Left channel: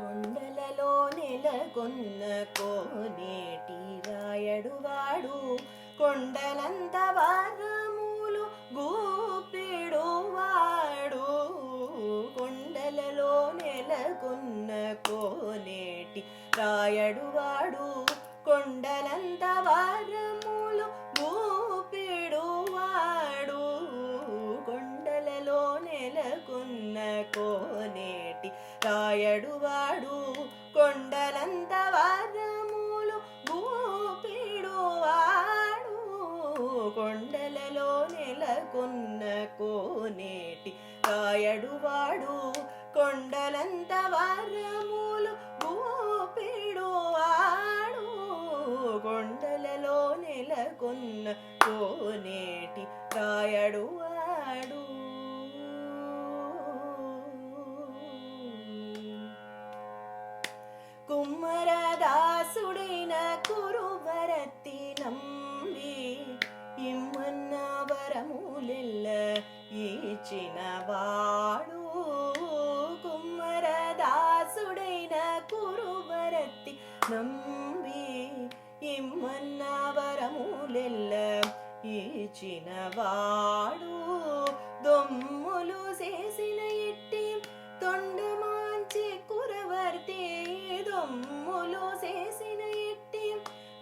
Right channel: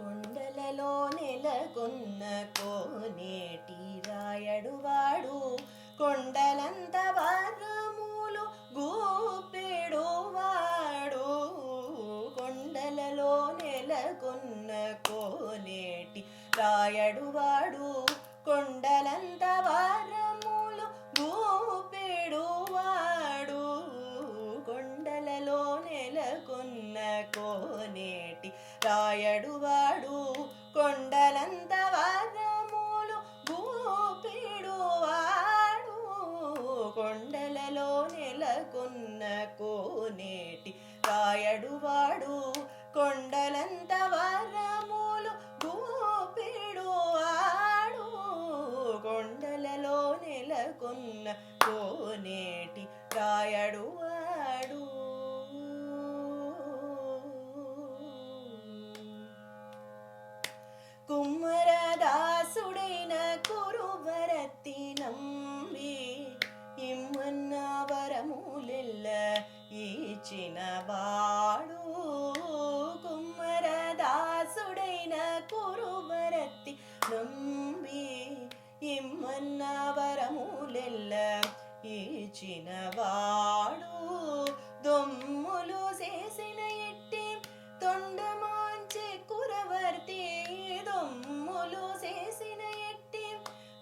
కొండలలో నెలకొన్న కోనేటి రాయడువాడు కొండలంత వారములు గూపెడువాడు. కొండలలో నెలకొన్న కోనేటి రాయడువాడు కొండలంత వారములు గూపెడువాడు. కొండలలో నెలకొన్న కోనేటి రాయడువాడు కొండలంత వారములు గూపెడువాడు. కొండలలో నెలకొన్న కోనేటి రాయడువాడు కొండలంత వారములు గూపెడువాడు. కొండలలో నెలకొన్న కోనేటి రాయడువాడు. కుమ్మరదాసుడైన కురువరతి నంబి ఇమ్మన్న వరములెల్ల ఇచ్చినవాడు. కుమ్మరదాసుడైన కురువరతి నంబి ఇమ్మన్న వరములెల్ల ఇచ్చినవాడు. దొమ్ములు చేసిన ఎట్టి తొండమాంచి కురవర్తి దొమ్ములు చేసిన ఎట్టి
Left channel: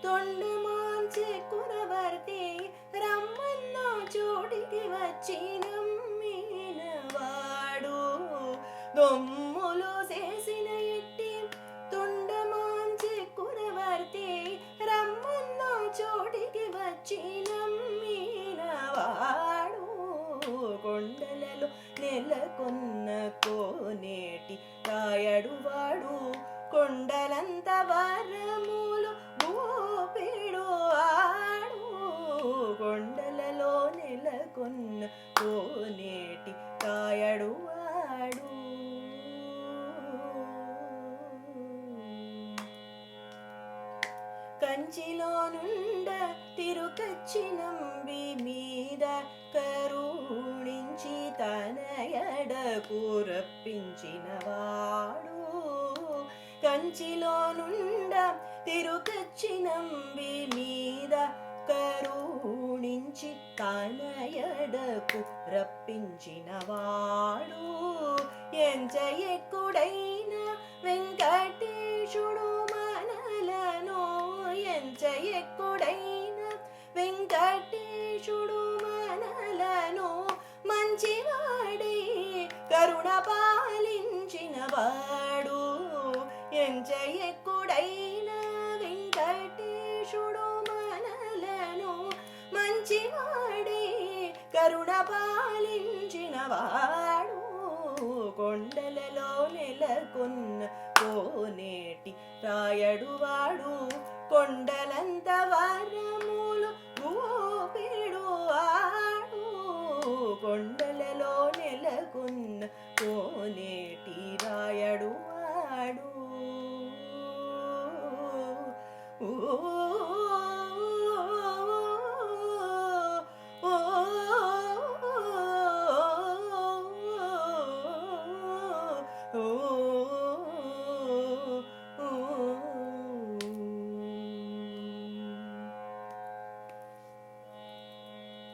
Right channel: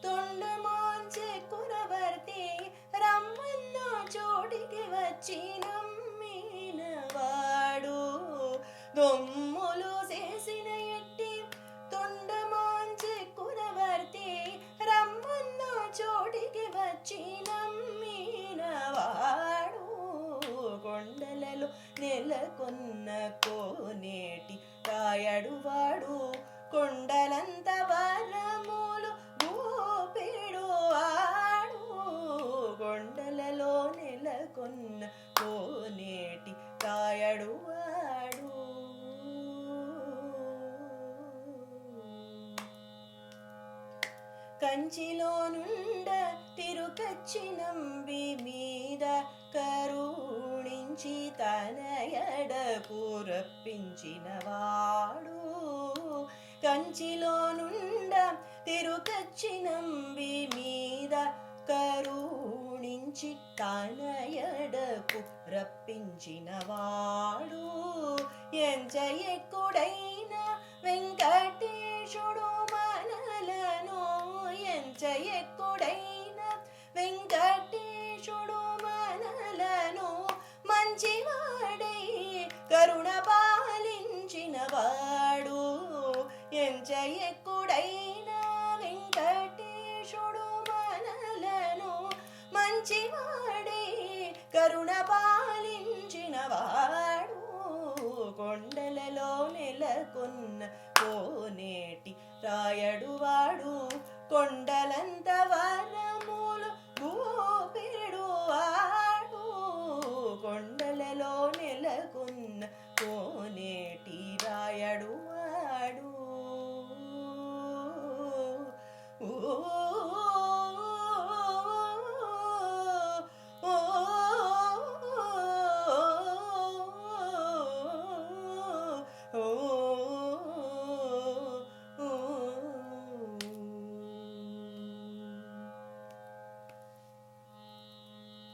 తొండమాంచి కురవర్తి రమ్మన్న చోటికి వచ్చి నమ్మినవాడు. దొమ్ములు చేసిన ఎట్టి తొండమాంచి కురవర్తి రమ్మన్న చోటికి వచ్చి నమ్మినవాడు. కొండలలో నెలకొన్న కోనేటి రాయడువాడు కొండలంత వరములు గూపెడువాడు. కొండలలో నెలకొన్న కోనేటి రాయడువాడు. కంచిలో నుండ తిరుకచ్చి నంబి మీద కరుణించి తన ఎడకు రప్పించినవాడు. కంచిలో నుండ తిరుకచ్చి నంబి మీద కరుణించి తన ఎడకు రప్పించినవాడు. ఎంచ ఎక్కుడైన వెంకటేశుడు మనలను ఎంచ ఎక్కుడైన వెంకటేశుడు మనలను మంచివాడై కరుణ పాలించినవాడు. ఎంచ ఎక్కుడైన వెంకటేశుడు మనలను మంచివాడై కరుణ పాలించినవాడు. కొండలలో నెలకొన్న కోనేటి రాయడువాడు కొండలంత వరము